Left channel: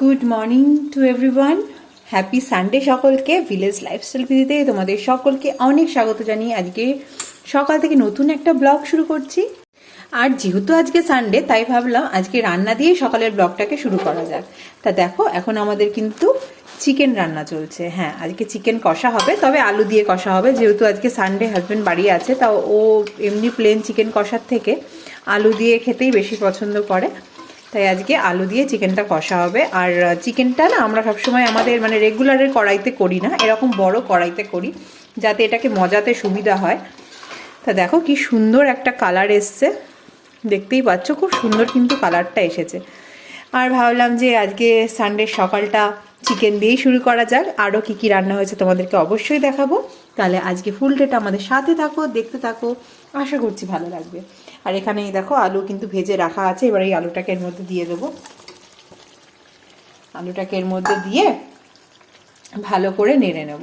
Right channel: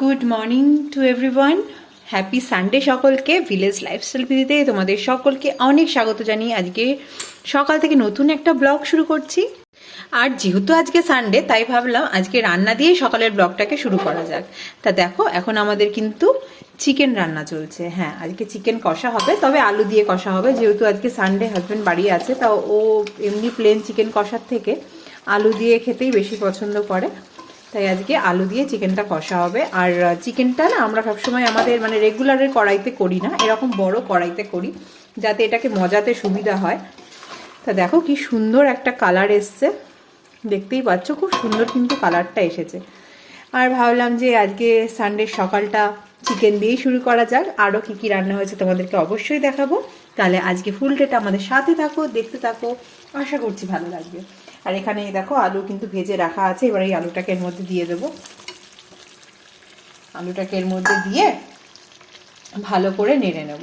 Good morning to everyone. Happy Sunday সকলকে। Village lifestyle ভিডিওতে তোমাদের সকলকে অনেক স্বাগত জানিয়ে আজকে সকাল থেকে নতুন একটা ব্লগ শুরু করছি। আর যেহেতু আজকে সানডে তাই ভাবলাম আজকে রান্না দিয়ে সকালের ব্লগটাকে শুরু করা যাক। তা দেখো এখন আমাদের কিন্তু চিকেন রান্না চলছে। হ্যাঁ, আজকে চিকেন কষা হবে, তবে আলু দিয়ে কষা হবে। যেহেতু আজকে সানডে, হাজব্যান্ড বাড়ি আছে, তাও ও এমনি প্লেন চিকেন কষার থেকে আলু দিয়ে খেতেই বেশি পছন্দ করে, তাই আজকে আলু দিয়ে চিকেনটা কষা হবে। আর চিকেনটা না আমরা সবসময় আমাদের মানে রেগুলারের কড়াইতে করি না, এরকম বড় কড়াইতে করি যাতে এটাকে মজাতে সুবিধা হয়। তা দেখো কি সুন্দর একটা কালার এসছে, দেখতেই পাচ্ছ খুব সুন্দর কিন্তু কালারটা এসেছে। আর ভাবলাম যে আজকে সানডে সকালটা চিকেন দিয়েই শুরু করা যাক। আরও কী কী রান্না হয়েছে তোমাদেরকে অবশ্যই দেখাবো। তাহলে আজকে ফুল ডেটা আমাদের সাথে থাকো, দেখতে থাকো, আশা করছি ভালো লাগবে। আর এখানে দেখো আলু কিন্তু ভেজে রাখা আছে, এবার এই আলুটাকে এর মধ্যে দিয়ে দেবো। আলুটাকে এর মধ্যে দিয়ে ভালো করে নেড়ে নেব।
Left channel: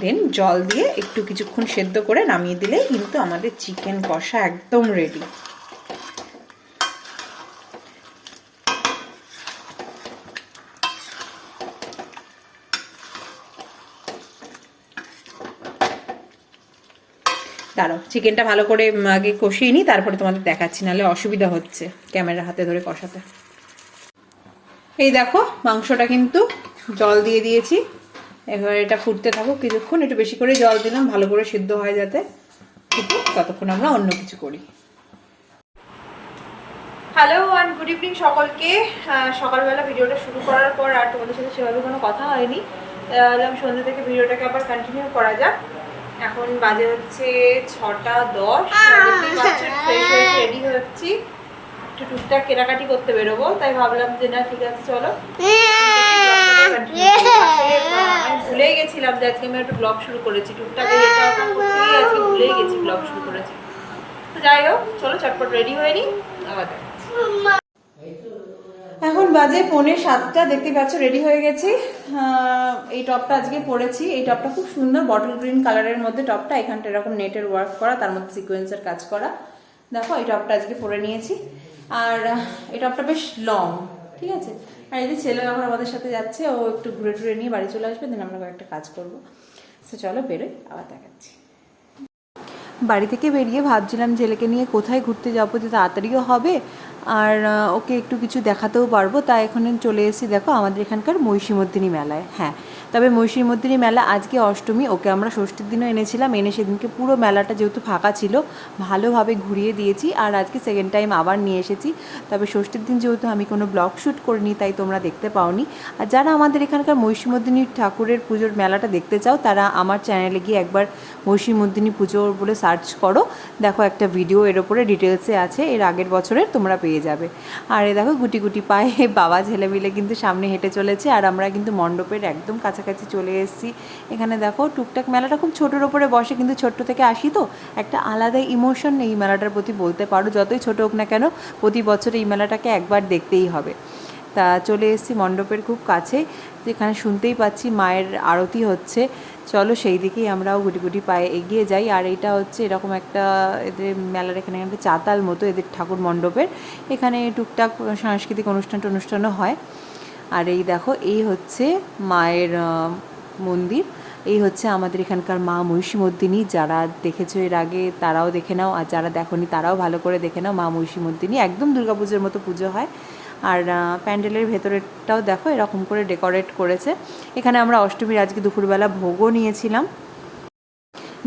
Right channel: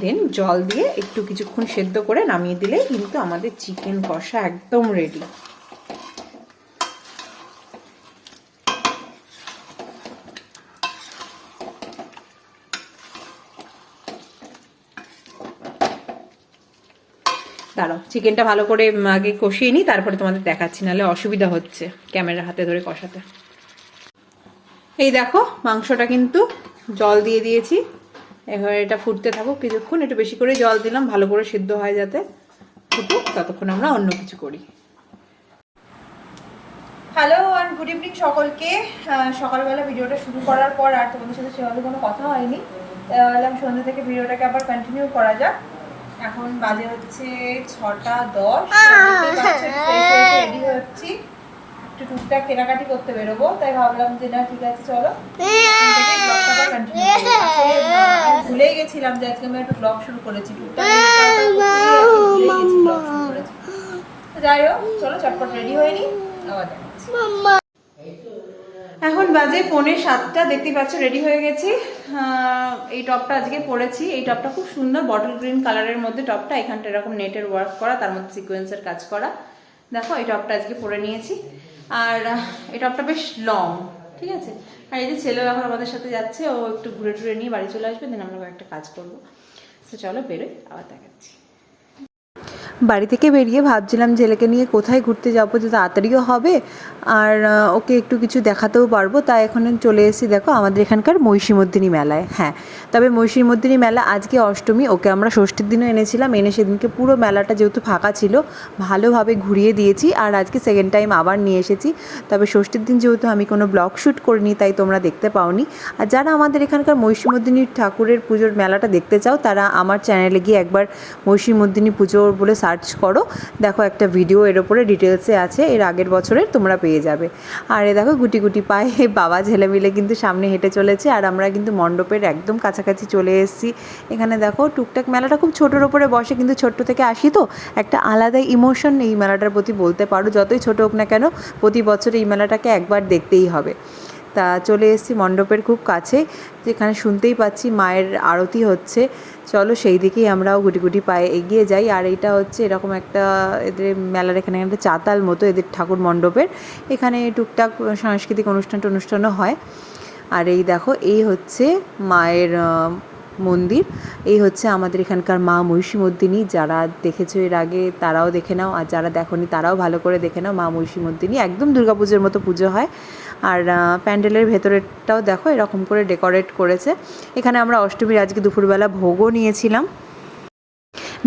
দেন জল দিয়ে একটু কিছুক্ষণ সেদ্ধ করে নামিয়ে দিলেই কিন্তু আমাদের চিকেন কষা একদম রেডি। দাঁড়াও, চিকেনটা ভালো করে আগে কষিয়ে নিই, তারপরে তোমাদের দেখাচ্ছি, নাহলে অসুবিধা হচ্ছে ক্যামেরা হাতে ধরে কষাতে। এই দেখো মাংসটা কিন্তু জল দিয়ে দিয়েছি, এবার এটা ফুটতে থাকুক কিছুক্ষণ। একটু বেশি করে জল দিলাম ভালো করে সিদ্ধ হয় যাতে, ফুটুক, ততক্ষণ আমরা অন্য কিছু করি। হ্যালো অ্যান্ড গুড ইভিনিং সকলকে। সকালবেলা ভিডিওটা শুরু করার পর আর তোমাদের সাথে সেভাবে কোনো কথা হয়নি, এলাম সন্ধ্যে থেকে ভিডিওটাকে আবার কন্টিনিউ করা যাক। এখন বাজে হচ্ছে 6:10, ফ্রেশ হয়ে রেডি হচ্ছি, একটু টুকটাক কেনাকাটি করতে বেরোবো, তাই ভাবলাম যে না ঠিক আছে চলো আমি ভুলেই গেছিলাম যে আজকে আমি একটু ব্লগ শুরু করেছি। টুকটাক এটা ওটা করতে গিয়ে আজকে ভুলেই গেছি ব্লগ শুরু করেছি। তো যাই হোক চলো চটপট রেডি হয়ে নিই, আবার দেখাচ্ছি। এখন বাজে 6:45, দেখতে পাচ্ছ রেডি হয়ে গেছি। এই টপটা আজকে পরেছি, এই টপটা খুব সুন্দর বটল গ্রিন কালারের মধ্যে টপটা, এখানটা এরকম নেটের ওয়ার্ক করা, তার মধ্যে সিকোয়েন্সের কাজ করা। দেখো এই টপটা আজকে পরে নিয়েছি, আর এই টপটা বেশ লং, ঠিক আছে। আর এই যে ছেলে এখন আমাদের সাথে যাচ্ছে, ও একটু ঘুরে টুরে নিয়ে বাড়ি চলে আসবে, দেন আমরা কয়েকটা কাজ করবো। তো চলো বেরোই, আবার দেখাচ্ছি। বাড়ি থেকে বেরিয়ে ভাবছিলাম ছেলেকে নিয়ে কোথায় ঘুরতে যাবো যে তাড়াতাড়িও হবে আর ওকে একটু কিছু দেখাতেও পারবো। তাই এখন চলে এসেছি দেখো আমাদের এখানকার মহিষীমর্দিনী মেলায়। হ্যাঁ, তবে মহিষীমর্দিনী মেলা আজকে অষ্টমী, ওকে আমরা ষষ্ঠীর দিনও এনেছিলাম, এনে সেদিনকে পুরো মেলাটা যেহেতু ফাঁকা ছিল ভালোভাবে ঘুরিয়ে দিয়েছি, আর আজকে সেকেন্ড টাইম আবার নিয়ে এসেছি। তবে ষষ্ঠীর দিন যেহেতু আমি কোনো ব্লগ শ্যুট করিনি তাই তোমরা দেখতে পাওনি। আর যারা আমাদের এখানকার মহিষীমর্দিনী ঠাকুরের পুজোর মেলাটা দেখতে চাও তারা আমার চ্যানেলে গিয়ে একবার মহিষীমর্দিনী পুজো বলে সার্চ করো, দেখো একটা ভিডিও এর ওপরে ডিটেলসে আছে, এর আগের বছরের তোমরা পেয়ে যাবে। আর এ দেখো গুটি গুটি পায়ে বাবা ছেলে মিলে কিন্তু সামনে হেঁটে চলেছে, আর আমরা কিন্তু মণ্ডপের একদম কাছাকাছি চলে এসেছি। এখানে দেখো টুকটাক মেলাটা খুব ছোটোর ওপরে বসে, কিন্তু ছোট্ট থেকে আসি তো একটা আলাদাই ইমোশন এই মেলাটার প্রতি বলতে পারো, যতই ছোটো হোক না কেন প্রতি বছর এই মেলাটাকে একবার দেখতেই হবে। তা চলে এসেছি মণ্ডপের খুব কাছে, যেখানে শুনতেই পাচ্ছি মায়ের আরতি হচ্ছে। চলো সেই দিকেই আমরাও গুটি গুটি পায়ে এগিয়ে যাই। আর এইটা হচ্ছে এরকম একটা এদের মেলার এখানে একটা চাতাল মতো এদের ঠাকুর মণ্ডপের, এখানে টুকটাক সাংস্কৃতিক অনুষ্ঠানও হয়। আর এই দেখো এই হচ্ছে মায়ের মন্দির, এই হচ্ছে আমাদের এখানকার মা মহিষীমর্দিনী। যারা দেখেছো এর আগে তারাও দেখে নাও, আর যারা দেখোনি তারাও ভালো করে দেখে নাও। মা মহিষীমর্দিনী একদম দুর্গাপুজোর মতো পুজো হয়। আর প্যান্ডেলের ভেতরেরটাও দেখো এরকম করে ডেকোরেট করেছে। এখানে আমরা অষ্টমীর আজকে দুপুরবেলা ভোগও নিয়েছিলাম।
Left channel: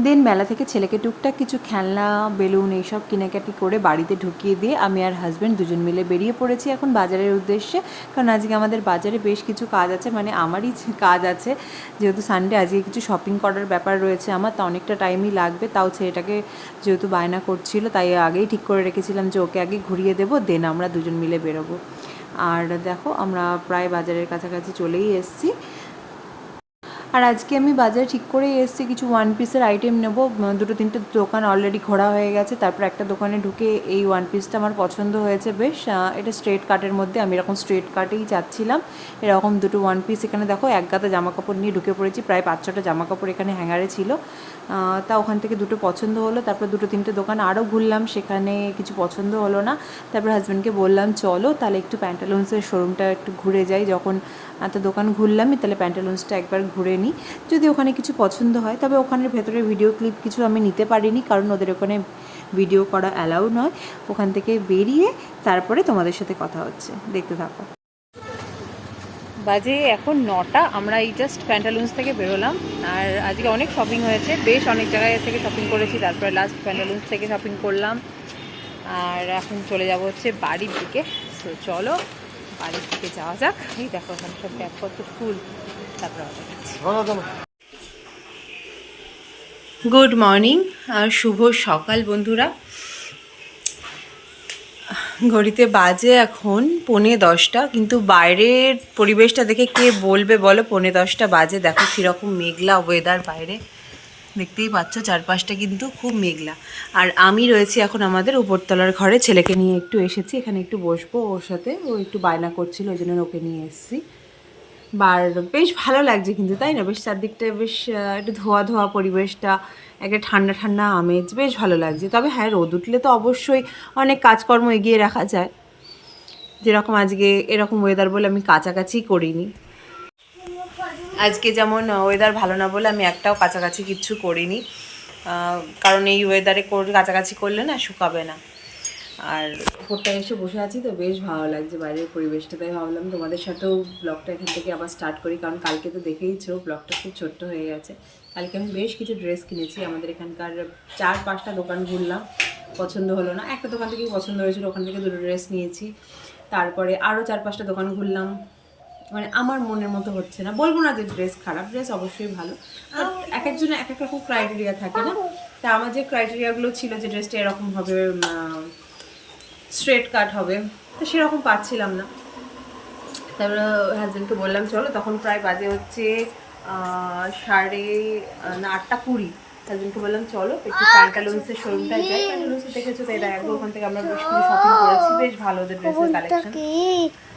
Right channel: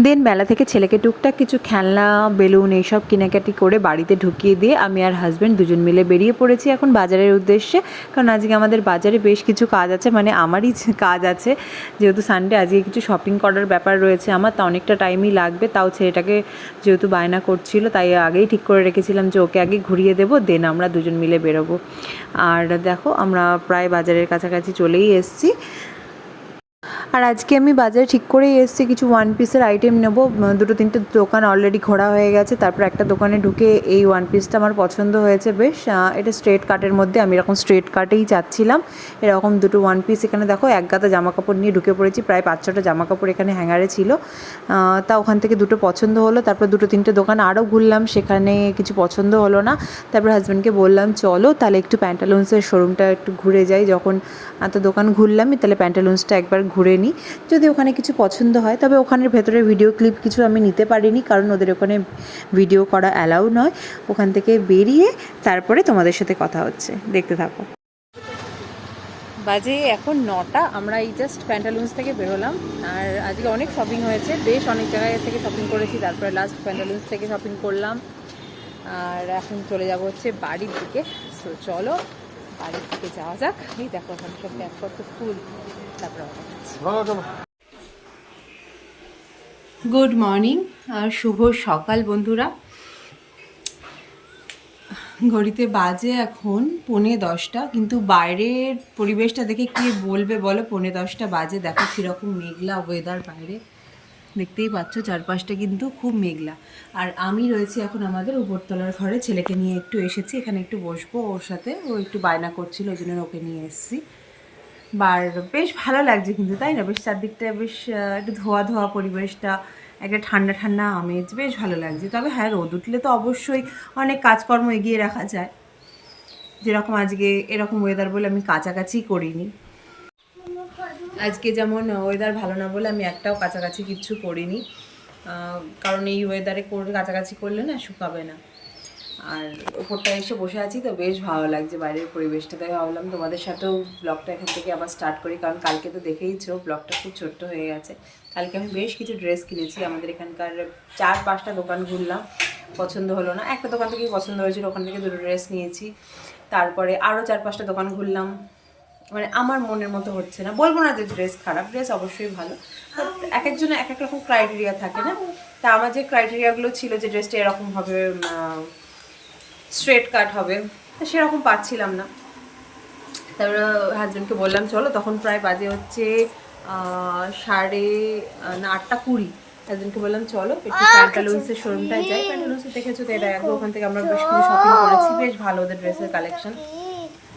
দেন মেলা থেকে ছেলেকে টুকটাক কিছু খেলনা বেলুন এইসব কেনাকাটি করে বাড়িতে ঢুকিয়ে দিয়ে আমি আর হাজব্যান্ড দুজন মিলে বেরিয়ে পড়েছি এখন বাজারের উদ্দেশ্যে। কারণ আজকে আমাদের বাজারে বেশ কিছু কাজ আছে, মানে আমারই কাজ আছে, যেহেতু সানডে আজকে কিছু শপিং করার ব্যাপার রয়েছে আমার, তা অনেকটা টাইমই লাগবে। তাও ছেলেটাকে যেহেতু বায়না করছিল তাই আগেই ঠিক করে রেখেছিলাম যে ওকে আগে ঘুরিয়ে দেবো, দেন আমরা দুজন মিলে বেরোবো। আর দেখো আমরা প্রায় বাজারের কাছাকাছি চলেই এসেছি। আর আজকে আমি বাজারে ঠিক করেই এসেছি কিছু ওয়ান পিসের আইটেম নেব। দুটো তিনটে দোকান অলরেডি ঘোরা হয়ে গেছে, তারপর একটা দোকানে ঢুকে এই ওয়ান পিসটা আমার পছন্দ হয়েছে বেশ। এটা স্ট্রেট কাটের মধ্যে, আমি এরকম স্ট্রেট কাটেই চাচ্ছিলাম। এরকম দুটো ওয়ান পিস এখানে দেখো এক গাদা জামা কাপড় নিয়ে ঢুকে পড়েছি, প্রায় 5-6টা জামা কাপড় এখানে হ্যাঙ্গারে ছিল। তা ওখান থেকে দুটো পছন্দ হলো, তারপর দুটো তিনটে দোকান আরও ঘুরলাম, সেখানে কিছু পছন্দ হলো না। তারপর হাজব্যান্ডকে বললাম চলো তাহলে একটু প্যান্টালুন্সের শোরুমটা একটু ঘুরে যাই, যখন এত দোকান ঘুরলামই তাহলে প্যান্টালুন্সটা একবার ঘুরে নিই, যদি ওখানে কিছু পছন্দ হয়। তবে ওখানের ভেতরে ভিডিও ক্লিপ কিছু আমি নিতে পারিনি, কারণ ওদের ওখানে ভিডিও করা অ্যালাউ নয়। ওখান থেকে বেরিয়ে তারপরে তোমাদের সাথে কথা হচ্ছে, দেখতে থাকো। বাজে এখন 9টা, আমরা এই জাস্ট প্যান্টালুন্স থেকে বেরোলাম। আর আজকে অনেক শপিং হয়েছে, বেশ অনেক জায়গায় থেকে শপিং করেছি, তারপরে লাস্ট প্যান্টালুন্স থেকে শপিং করলাম। আর এখন চলে যাব হচ্ছে বাড়ির দিকে। তো চলো বাড়ির দিকে যাওয়া যাক। এই দেখো ওখানে সব ব্যাগ কত ফুল। তারপরে গুড মর্নিং আর শুভ সকাল বন্ধুরা। ঘড়িতে বাজে এখন 9:45, কিন্তু বাইরের পরিবেশটা দেখে কে বলবে বলো 9:45 বাজে। দেখো কীরকম মেঘলা ওয়েদার বাইরে, দেখতেই পাচ্ছ চারপাশটা কিন্তু খুব মেঘলা। আর আমি রয়েছি এখন আমাদের উপরতলার ঘরে, ছেলেকে নিয়ে একটু এসেছি, এখানে একটু বসবো ওর সাথে, ও একটু বায়না করছিল ওই জন্য ওকে নিয়ে এসেছি। বেশ ভালো লাগছে কিন্তু, তাই না? বেশ চারদিকটা বেশ একটু ধোয়া ধোয়া পরিবেশটা, একটা ঠান্ডা ঠান্ডা আমেজ, বেশ ভালো লাগছে। তবে হ্যাঁ, রোদ উঠলে তো অবশ্যই অনেক কাজকর্ম এগিয়ে রাখা যায়, যেরকম আজকে এরকম ওয়েদার বলে আমি কাছাকাছি করিনি। আজকে যেমন ওয়েদার ভালো না বলে আমি একটাও কাছাকাছি কিচ্ছু করিনি, কারণ এই ওয়েদারে কাছাকাছি করলে না শুকাবে না। আর ওপরটা এসে বসে আছি তো বেশ ভালো লাগছে বাইরের পরিবেশটা, তাই ভাবলাম তোমাদের সাথেও ব্লগটা এখান থেকে আবার স্টার্ট করি, কারণ কালকে তো দেখেইছো ব্লগটা খুব ছোট্ট হয়ে গেছে। কালকে আমি বেশ কিছু ড্রেস কিনেছি, আমাদের এখানকার 4-5টা দোকান ঘুরলাম, পছন্দ হলো না। একটা দোকান থেকেই পছন্দ হয়েছিল, ওখান থেকে দুটো ড্রেস নিয়েছি। তারপরে আরও 4-5টা দোকান ঘুরলাম, মানে আমার মনের মতো হচ্ছে না। বলবো না যে ড্রেস খারাপ, ড্রেস অবশ্যই ভালো, বাট এক একজনের এক এক রকম ক্রাইটেরিয়া থাকে না। তা আমার যে ক্রাইটেরিয়াগুলো ছিল যে ড্রেসটা এরকম হবে, স্ট্রেট কাট হবে, তো সেরকম পাচ্ছিলাম না। তারপরে হাজব্যান্ডকে বললাম চলো, তখন প্রায় বাজে হচ্ছে 8:20। হাজব্যান্ডকে বললাম চলো একটু প্যান্টালুন্সের শোরুমটায় যাই। প্যান্টালুন্সে দেখেছো তো, এটা একবার ওখান থেকে আমরা বেশ কিছু শপিং করেছি, বেশ ভালো ওদের ড্রেসের কালেকশন।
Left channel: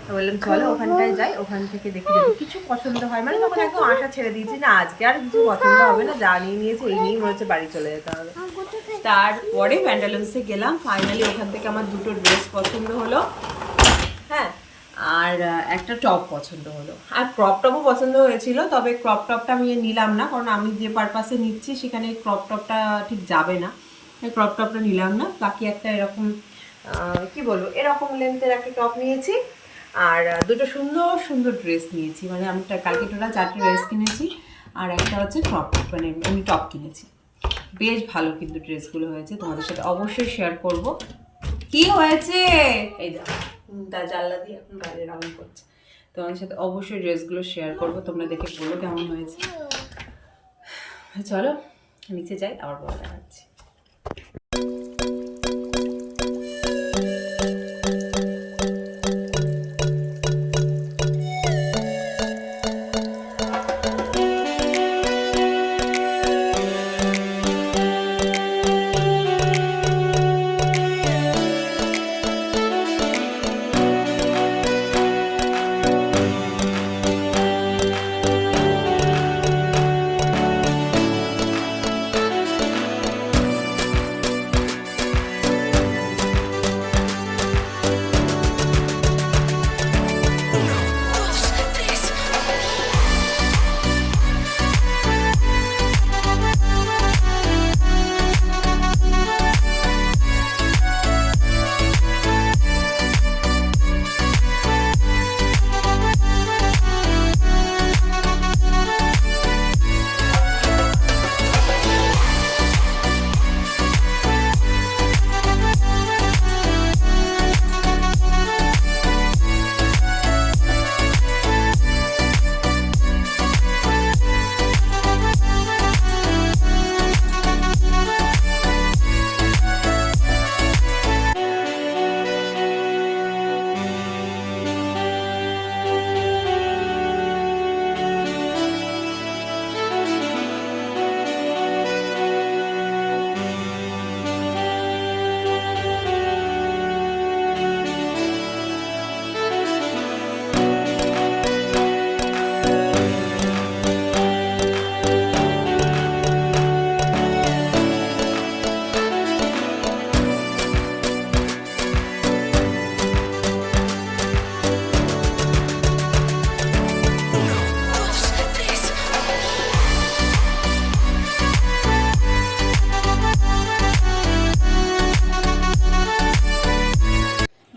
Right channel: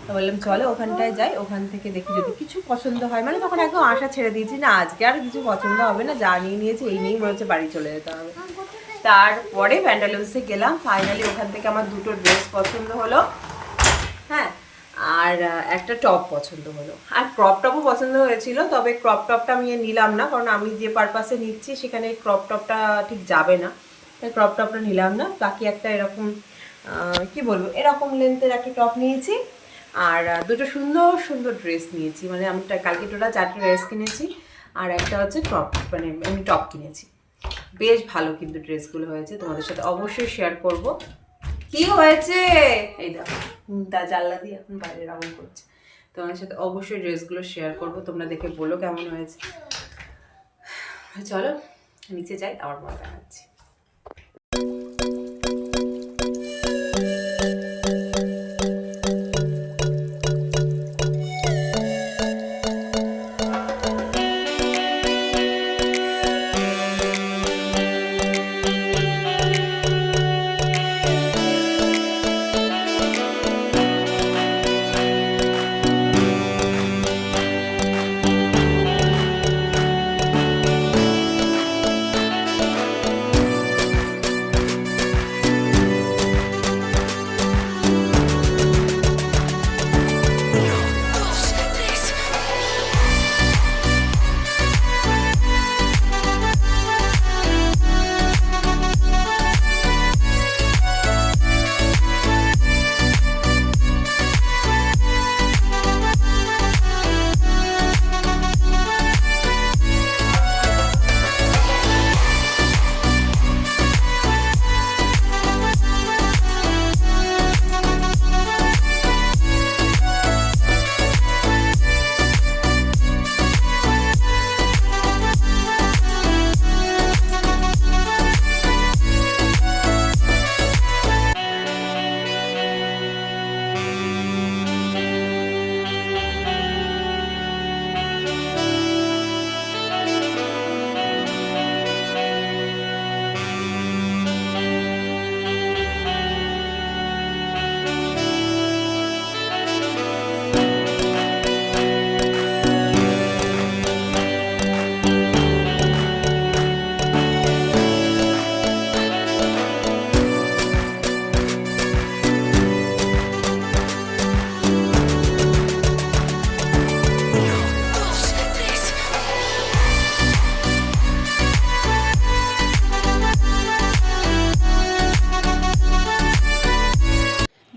তো বললাম চলো ওখানটায় যাই, ওখান থেকে দেখি যদি কিছু পছন্দ হয়। মানে তখন একদম আশা ছেড়ে দিয়েছি, না আজকে আর কিছু পছন্দ হবে না, যা নিয়ে নিয়েছি এই নিয়েই মনে হচ্ছে বাড়ি চলে যেতে হবে। তারপরে প্যান্টালুন্সে গেলাম, ফাইনালি ওখান থেকে আমার দুটো ড্রেস পছন্দ হলো, হ্যাঁ, আর একটা টপ পছন্দ হলো, আর ক্রপ টপও পছন্দ হয়েছিল। তবে ক্রপ টপটা আমি নিলাম না, কারণ আমি যে পারপাসে নিচ্ছি সেখানে ক্রপ টপটা ঠিক যাবে না, তাই ক্রপ টপটা নিলাম না। বাকি একটা এরকম কি বলবো, এরকম লেন্থের একটা টপ নিয়েছি, আর দুটো সুন্দর সুন্দর ড্রেস নিয়েছি। মানে আমি কালকে টোটাল 4টা ড্রেস কিনেছি, আর একটা হচ্ছে ক্রপ, মানে এমনি টপ কিনেছি। বেশ ভালো কিন্তু ড্রেসগুলো হয়েছে, তোমাদের সাথে অবশ্যই শেয়ার করব। কি হয়েছে এই দেখো, জানলা দিয়ে এখন বাইরে রাউন্ড করছে। তোমাদের সাথে অবশ্যই ড্রেসগুলো শেয়ার করব, তোমরা দেখে বলো কেমন হয়েছে। চলো নিচে যাই, আবার পরে দেখাচ্ছি।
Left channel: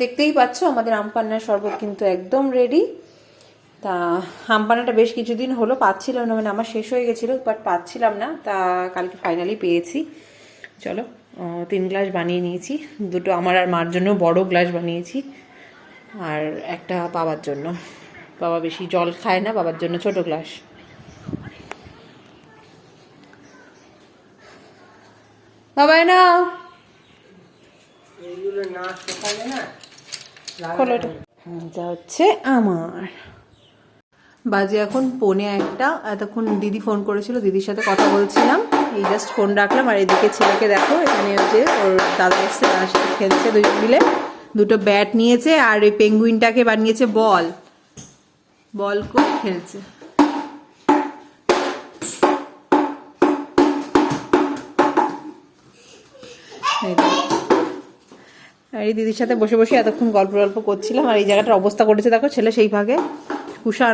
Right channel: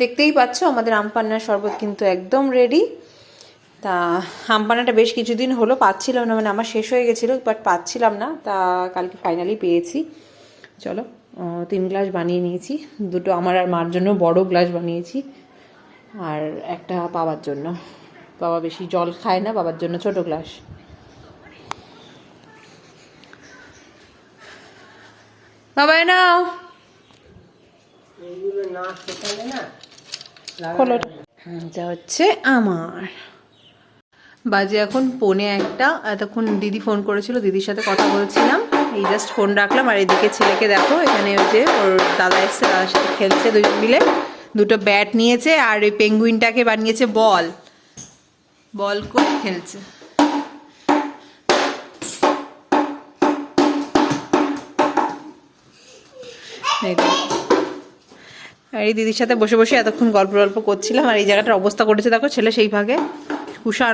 দেখতেই পাচ্ছ আমাদের আম পান্নার শরবত কিন্তু একদম রেডি। তা আম পান্নাটা বেশ কিছুদিন হলো পাচ্ছিলাম না, মানে আমার শেষ হয়ে গেছিলো, বাট পাচ্ছিলাম না, তা কালকে ফাইনালি পেয়েছি। চলো 3 গ্লাস বানিয়ে নিয়েছি, দুটো আমার আর মার জন্য বড় গ্লাস বানিয়েছি, আর একটা বাবার জন্য। বাবা বেশি জল খায় না, বাবার জন্য ছোট গ্লাস। বাবা নাও যা হচ্ছে আমার। বাজে এখন 1:45। এতক্ষণ দিদি ফোন করেছিল, দিদির সাথে কথা বলছিলাম, এই জাস্ট ফোন রাখলাম। আর এদিকে ছেলেকে দেখো, এখানে ওই যে ওর দাদা এসছে, দাদার সাথে খেলছে, দুজন মিলে দুটো ব্যাট নিয়েছে, আর ওই পেঙ্গুইনটাকে বানিয়েছে বল, বল করে খেলছে। আর এই দিদির সাথে বসে বসে এতক্ষণ গল্প করছিলাম। আর এই জায়গাটার অবস্থা করেছে দেখো, ছেলে সেই ভাগে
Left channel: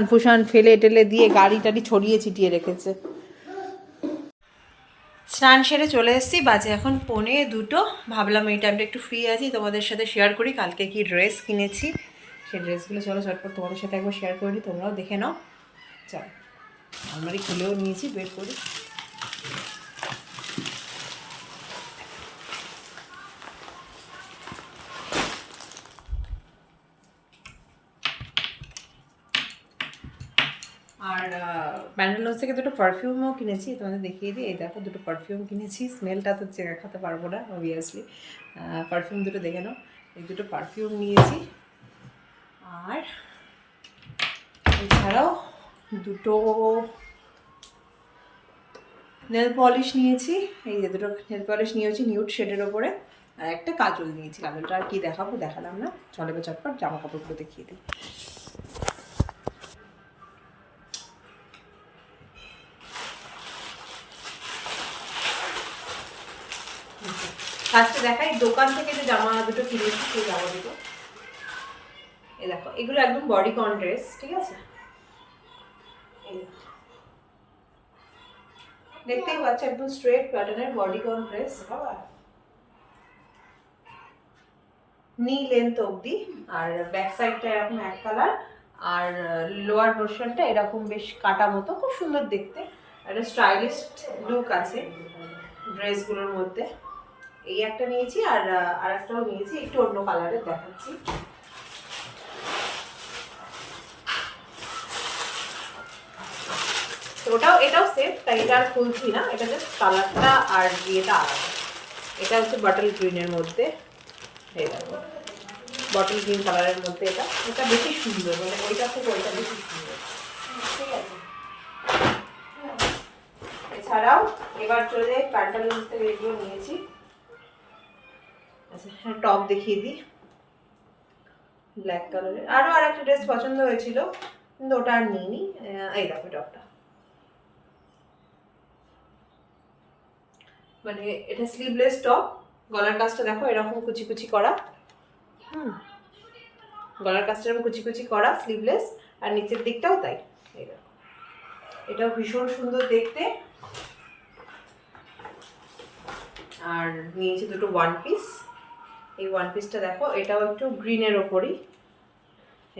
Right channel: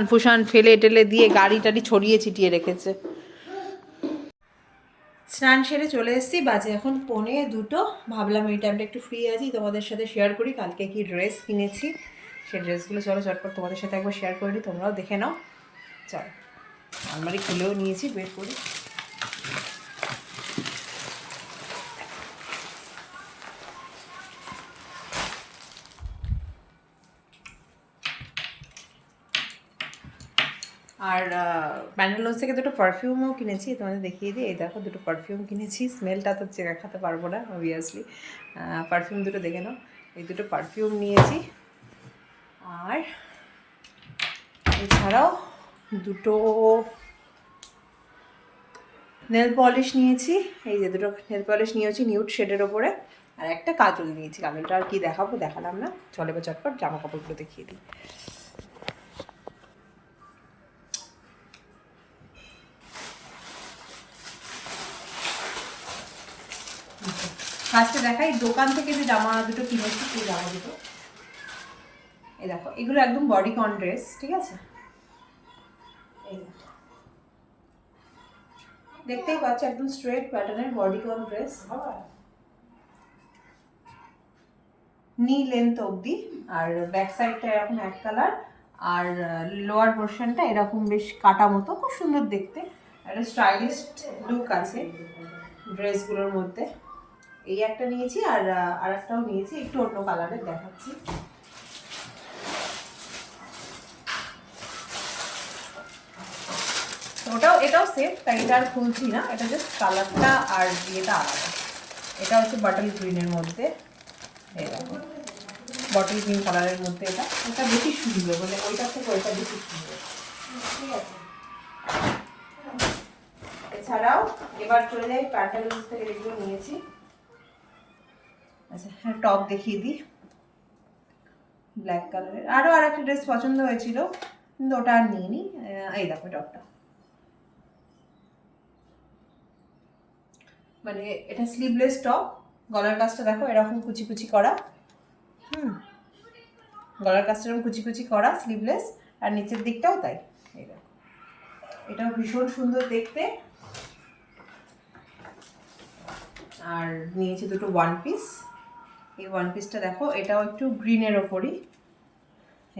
ফুসান ফেলে টেলে দিয়ে গাড়ি টাড়ি ছড়িয়ে ছিটিয়ে রেখেছে। স্নান সেরে চলে এসেছি, বাজে এখন 1:45। ভাবলাম এই টাইমটা একটু ফ্রি আছি, তোমাদের সাথে শেয়ার করি কালকে কি ড্রেস কিনেছি। সেই ড্রেসগুলো চলো চটপট তোমাদের সাথে একবার শেয়ার করে নিই, তোমরাও দেখে নাও। চলো, আলমারি খুলেও নিয়েছি, বের করি। আর প্যান্টালুন্স থেকে দুটো পারফিউমও কিনেছি, তোমাদের দেখিয়ে দিই। এই দেখো দুটো পারফিউম কিনেছি, স্মেলটা তো দেখাতে পারবো না অবভিয়াসলি, পারফিউম দুটো দেখে নাও। এই দুটো পারফিউম নিয়েছি, আর এছাড়াও দুটো নেল পলিশ নিয়েছি। এই যে দুটো নেল পলিশ নিয়েছি নিউড শেডের ওপরে, আর একটা কাজল নিয়েছি। কাজলটা আর কি দেখাবো, দেখালাম না, চলে বা চটপট জামা কাপড়গুলো দেখিয়ে দিই। ফার্স্টে দেখাই দোকান থেকে যে জামা দুটো কিনেছি, সেই জামা দুটো এই দেখো, এগুলো একদম বডিকন ড্রেস, ঠিক আছে। এই দেখো, দেখতেই পাচ্ছ একদম স্ট্রেট প্যাটার্নের বডিকন ড্রেস, নি লেন্থ অবধি, আর ব্যাক সাইডটা এরকম এক কালার, আর লোয়ার পোর্শনটা এরকম বেশ কাটা মতো, খুব সুন্দর দেখতে, একটা স্টাইলিশ লুক আছে ড্রেসগুলোর মধ্যে। এই একটা নিয়েছি, আর আরেকটাও নিয়েছি, একটু অন্য কালারের দেখাচ্ছি। এটাও সেফ, তাই এটা আর খুলছি না, এটা জাস্ট কালারটা আর ইয়েটা আলাদা। এটা হচ্ছে বটল গ্রিনের মধ্যে, এই দেখো বটল গ্রিন কালারের মধ্যে, এটা বেশি সুন্দর, মানে ওইটা থেকে ওইটা বেশি সুন্দর, ঠিক আছে। এছাড়াও এবার চলে যাই প্যান্টালুন্স থেকে এগুলো নিয়েছি। আচ্ছা হ্যাঁ, টপ দেখিয়ে দিই ব্ল্যাক কালারের। আরও আর একটা ড্রেস পছন্দ হয়েছিল, কিন্তু ওটা আর নিইনি। এই দেখো টপটা, মানে এটা স্লিভলেস টপ, গলার কাজটা দেখো এরকম কুচি কুচি করা, গলার কাজটা এরকম কুচি কুচি করা, স্লিভলেস, আর নিচের দিকটাও তাই। এই দেখো, এটাও ভীষণ সুন্দর দেখতে। আর নিয়েছি দুটো ওয়ান পিস। এই ওয়ান পিসটা দেখো, এটাও একটু গ্রিনের ওপরই,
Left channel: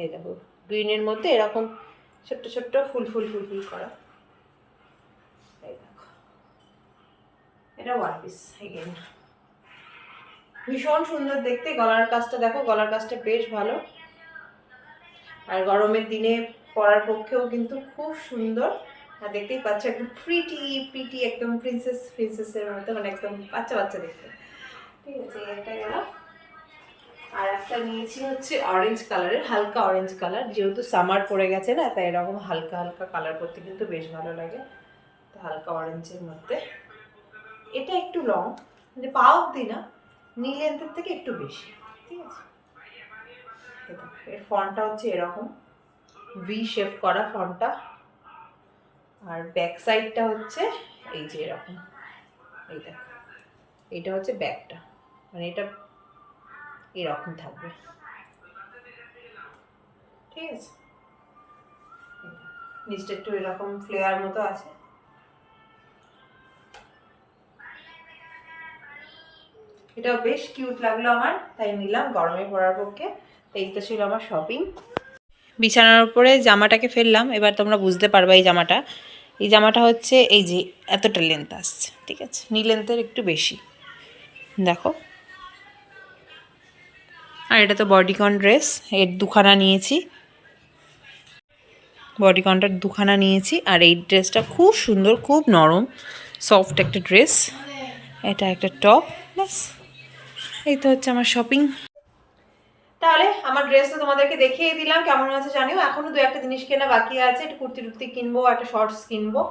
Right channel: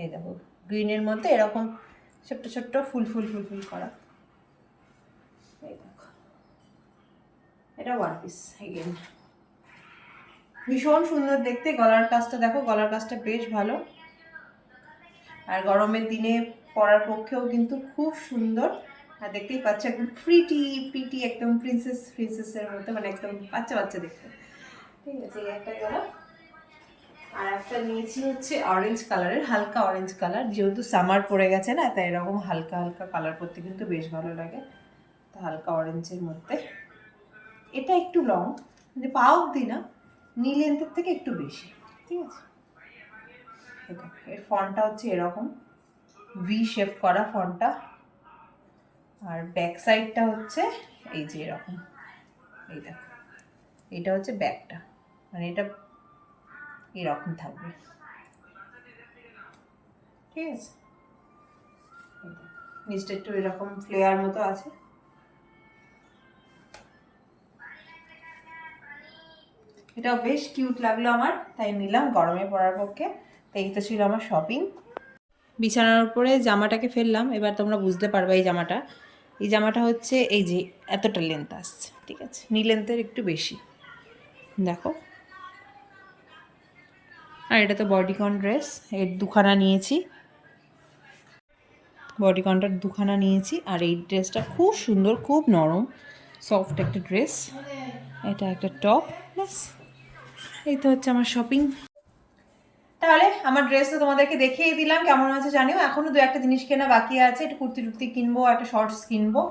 এই দেখো গ্রিনের মধ্যে এরকম ছোট্ট ছোট্ট ফুল করা, এই দেখো এটা ওয়ান পিস এগেন, ভীষণ সুন্দর দেখতে। গলার কাজটা দেখো, গলার কাজটা বেশ ভালো, আর গরমের দিনে পরার পক্ষেও কিন্তু খুব সুন্দর। আর দেখতেই পাচ্ছ একদম প্রিটি একদম প্রিন্সেসের মতো, মানে একদম বাচ্চা দেখতে, ঠিক আছে। এই একটা গেল, আর একটা নিয়েছি হচ্ছে অরেঞ্জ কালারের, হালকা অরেঞ্জ কালার, যেহেতু সামার পড়ে গেছে না, তাই এরকম হালকা কালার পরতে কিন্তু বেশ ভালো লাগে, তো হালকা অরেঞ্জের মধ্যে। এটা একটু লং, মানে পা অব্দি না, নি লেন্থের থেকে একটু বেশি, ঠিক আছে। এর ফন্টটা হচ্ছে এরকম ভি শেপ করা ফন্টটা, আর ব্যাক সাইডটা হচ্ছে এই যে এরকম, এই দেখো এইটা হচ্ছে ব্যাকটা, মানে এটা এরকম থাকবে, ঠিক আছে। নিচটা একটু এরকম ফ্লেয়ার মতো আছে। এটা বেশ কিউট লাগলো আমার, তাই নিলাম গরমে পরার পক্ষে। তো এই তো ছিল আমার শপিং। বিছানার উপরে জামাটাকে ফেললাম, এবার তোমরা বুঝতে পারবে এই জামাটা হচ্ছে এই যে এতটা লেন্থ আসছে, ঠিক আছে, নি লেন্থের একটু বেশি, দেখো। আর এটা তো বডিকন ড্রেস, এর দুখানা নিয়েছি, বডিকনটার দুখানা নিয়েছি। আর এই ড্রেসটা খুব সুন্দর, খুব নরম সফট একটা ড্রেস। এটা একটা টপ, ব্যাস। এই তো হচ্ছে আমার শপিং। তাহলে আমার ড্রেস তো তোমাদেরকে দেখিয়ে দিলাম, কেমন হয়েছে জানিও। এখনও দু একটা জিনিস কেনা বাকি আছে, একটু কুর্তি টুর্তি কিনবো, একটা শর্টস কিনবো।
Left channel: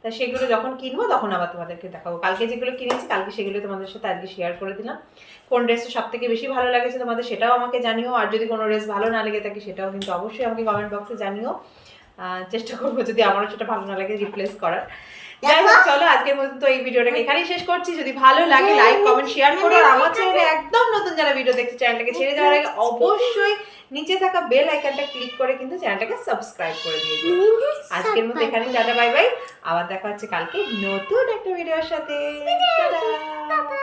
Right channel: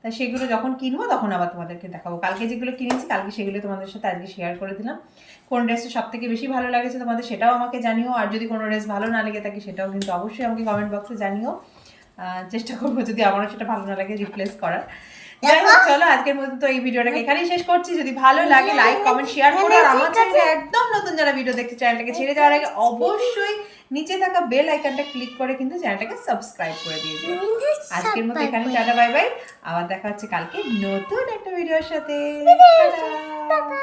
তা সেগুলো যখন কিনবো তখন আবার তোমাদেরকে দেখাবো। কালকে যেগুলো কিনেছি কালকে সেগুলো তোমাদের সাথে আজকে শেয়ার করে দিলাম। কোন ড্রেসটা সব থেকে বেশি ভালো লাগেছে তোমাদের সেটাও আমাকে জানিও। আর যদি কোনো ড্রেস ভালো না লেগে থাকে সেটাও কিন্তু অবশ্যই আমাকে কমেন্ট বক্সে জানিও। চেষ্টা করবো যদি আমারও সেটা ভালো না লাগে রিপ্লেস করার। যাই হোক, চলো আজকের মতো তো এই ভিডিওটাকে এখানেই শেষ করছি। যদি ভালো লাগে লাইক কমেন্ট শেয়ার করো। আর আমার চ্যানেলে একদম নতুন যারা ভিডিও দেখতে, চ্যানেলটাকে ছেড়ে যাওয়ার আগে অবশ্যই নিচে থাকা বেল আইকনটা ক্লিক করে কিন্তু চ্যানেলটাকে সাবস্ক্রাইব করে দিয়ে দিও। আজকের মতো এখানে টাটা, বাই বাই। আবার দেখা হচ্ছে কালকে নতুন একটা ভিডিওর সাথে। টাটা।